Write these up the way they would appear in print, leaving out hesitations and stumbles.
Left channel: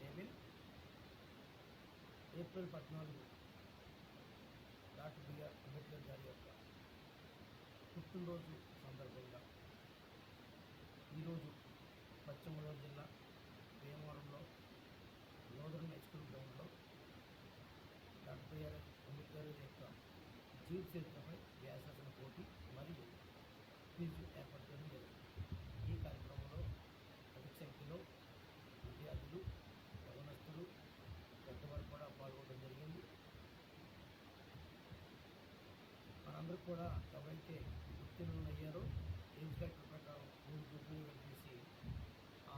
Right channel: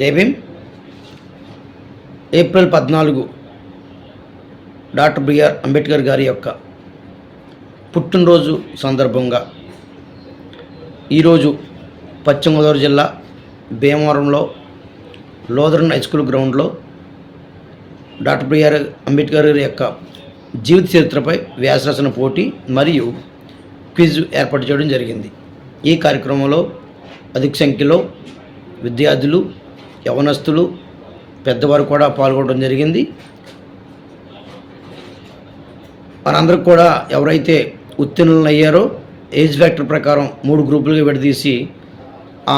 జై Bhim. April 14 doctor BR Ambedkar గారి యొక్క పుట్టినరోజు సందర్భంగా ఈరోజు పశ్చిమ గోదావరి జిల్లా భీమవరంలో లోదరన్ హై స్కూల్ గ్రౌండ్లో డాక్టర్ బిఆర్ అంబేద్కర్ గారి యొక్క జీవిత చరిత్రపై వ్యాసరచన పోటీ మరియు క్విజ్ ఏర్పాటు చేయడం జరిగింది. ఈ కార్యక్రమంలో అధిక సంఖ్యలో విద్యార్థులు, యవనస్తులు, పెద్దవారు కూడా పాల్గొనడం జరిగింది. మనందరికి కూడా ఎవరైతే ఉత్తీర్ణులు అయ్యారో ఏజ్ ఫ్యాక్టర్ ప్రకారం 3 గ్రూపులుగా విడదీసి ఆ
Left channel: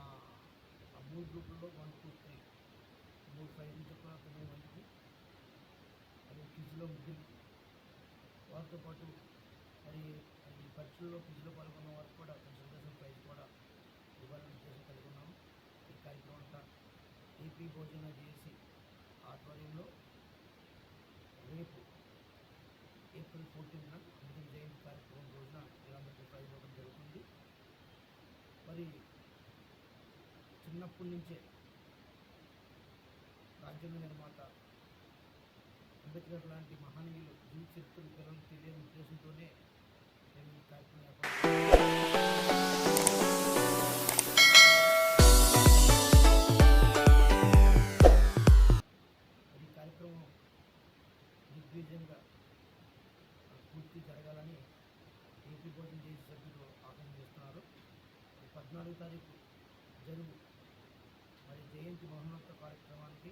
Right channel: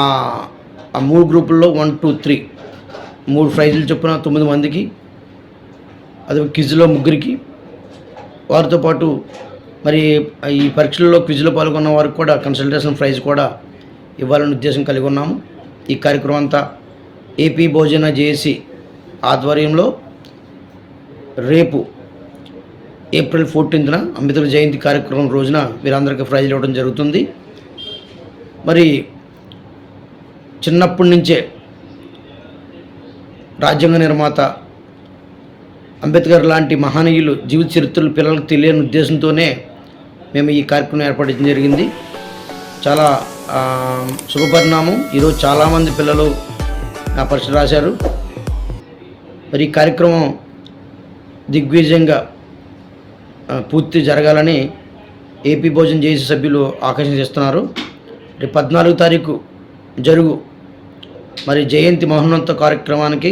3 గ్రూపుల్లో 1, 2, 3 3 ప్రైజులు చొప్పున 9 మందికి, అది క్విజ్లో 3కి, వారితో పాటు మరి ఈ పరీక్షల్లో క్విజ్లో పాల్గొన్న వారికి కూడా కన్సల్టేషన్ ప్రైజ్ కూడా ఇవ్వాలని ఉద్దేశం కలిగి ఉన్నాము. ఈ కార్యక్రమం అంతా ఏపీ భోజన జేఏసీ ఆధ్వర్యంలో రేపు ఏప్రిల్ 14న అంబేద్కర్ జయంతి కార్యక్రమం రోజున వీరందరికీ ప్రైజ్లు ఇవ్వడం జరుగుతుంది. మరి చిన్నప్పటి నుంచే రాజ్యాంగ నిర్మాత అంబేద్కర్ లాంటి మహనీయులు జీవిత చరిత్రలు పిల్లలకు తెలియని ఉద్దేశంతోనే మేము ఈ కార్యక్రమం ఏర్పాటు జరిగింది. చాలా శుభపరిణామం. ఈరోజు చాలామంది పిల్లలు నా పరీక్ష రాశారు. మరి ఈ కార్యక్రమం దిగ్విజయంగా పూర్తి జరగాలని ఏపీ భోజన జేఏసీ సభ్యులు ఆకాంక్షిస్తున్నారు. రేపు 14 తారీఖు జరుగు మరి జయంతి మహోన్నత కార్యక్రమానికి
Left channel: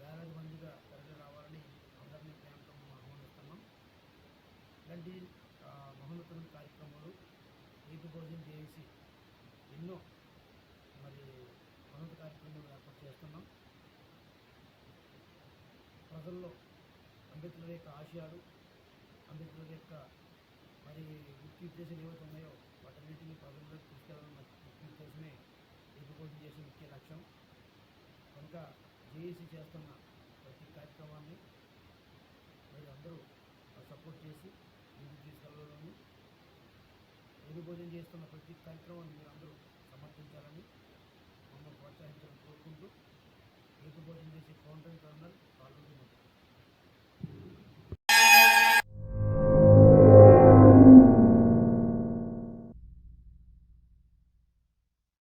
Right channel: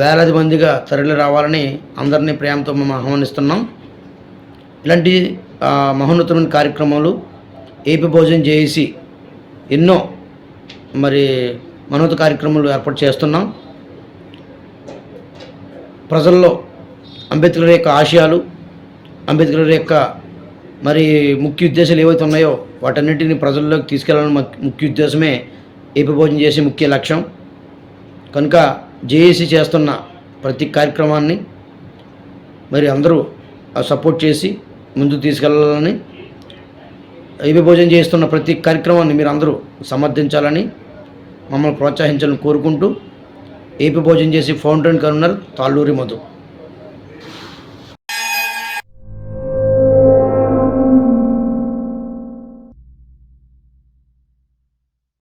వేలాది మందిగా తరలి రావాలని అందరినీ ప్రేమతో మేము ఆహ్వానిస్తున్నాం. ఇలాంటి మహోన్నతమైన కార్యక్రమాలు ఏపీ భోజన జేఏసీ ఎన్నో మరి మహోన్నత కార్యక్రమాలు ఏర్పాటు చేస్తున్నాం. ప్రజల్లో అంబేద్కర్ యొక్క ఆశయాలు, అంబేద్కర్ యొక్క మరి ముఖ్య ఉద్దేశాలు ఏవైతే ఉన్నాయో వాటన్నిటిని ప్రజల్లోకి తీసుకెళ్లాలని ముఖ్య ఉద్దేశమే ఏపీ భోజన జేఏసీ ముఖ్య లక్ష్యం. కనుక జేఏసీ చేస్తున్న ప్రతి కార్యక్రమాన్ని మరి అందరూ సపోర్ట్ చేసి ముందుకు తీసుకెళ్లాలని, ఏపీ భోజన చేస్తున్న ప్రతి కార్యక్రమాన్ని మీరు అందరూ సమర్థించాలని, మమ్మల్ని ప్రోత్సహించాలని కోరుకుంటూ ఏపీ భోజన JAC founder and convener Talluri Madhu.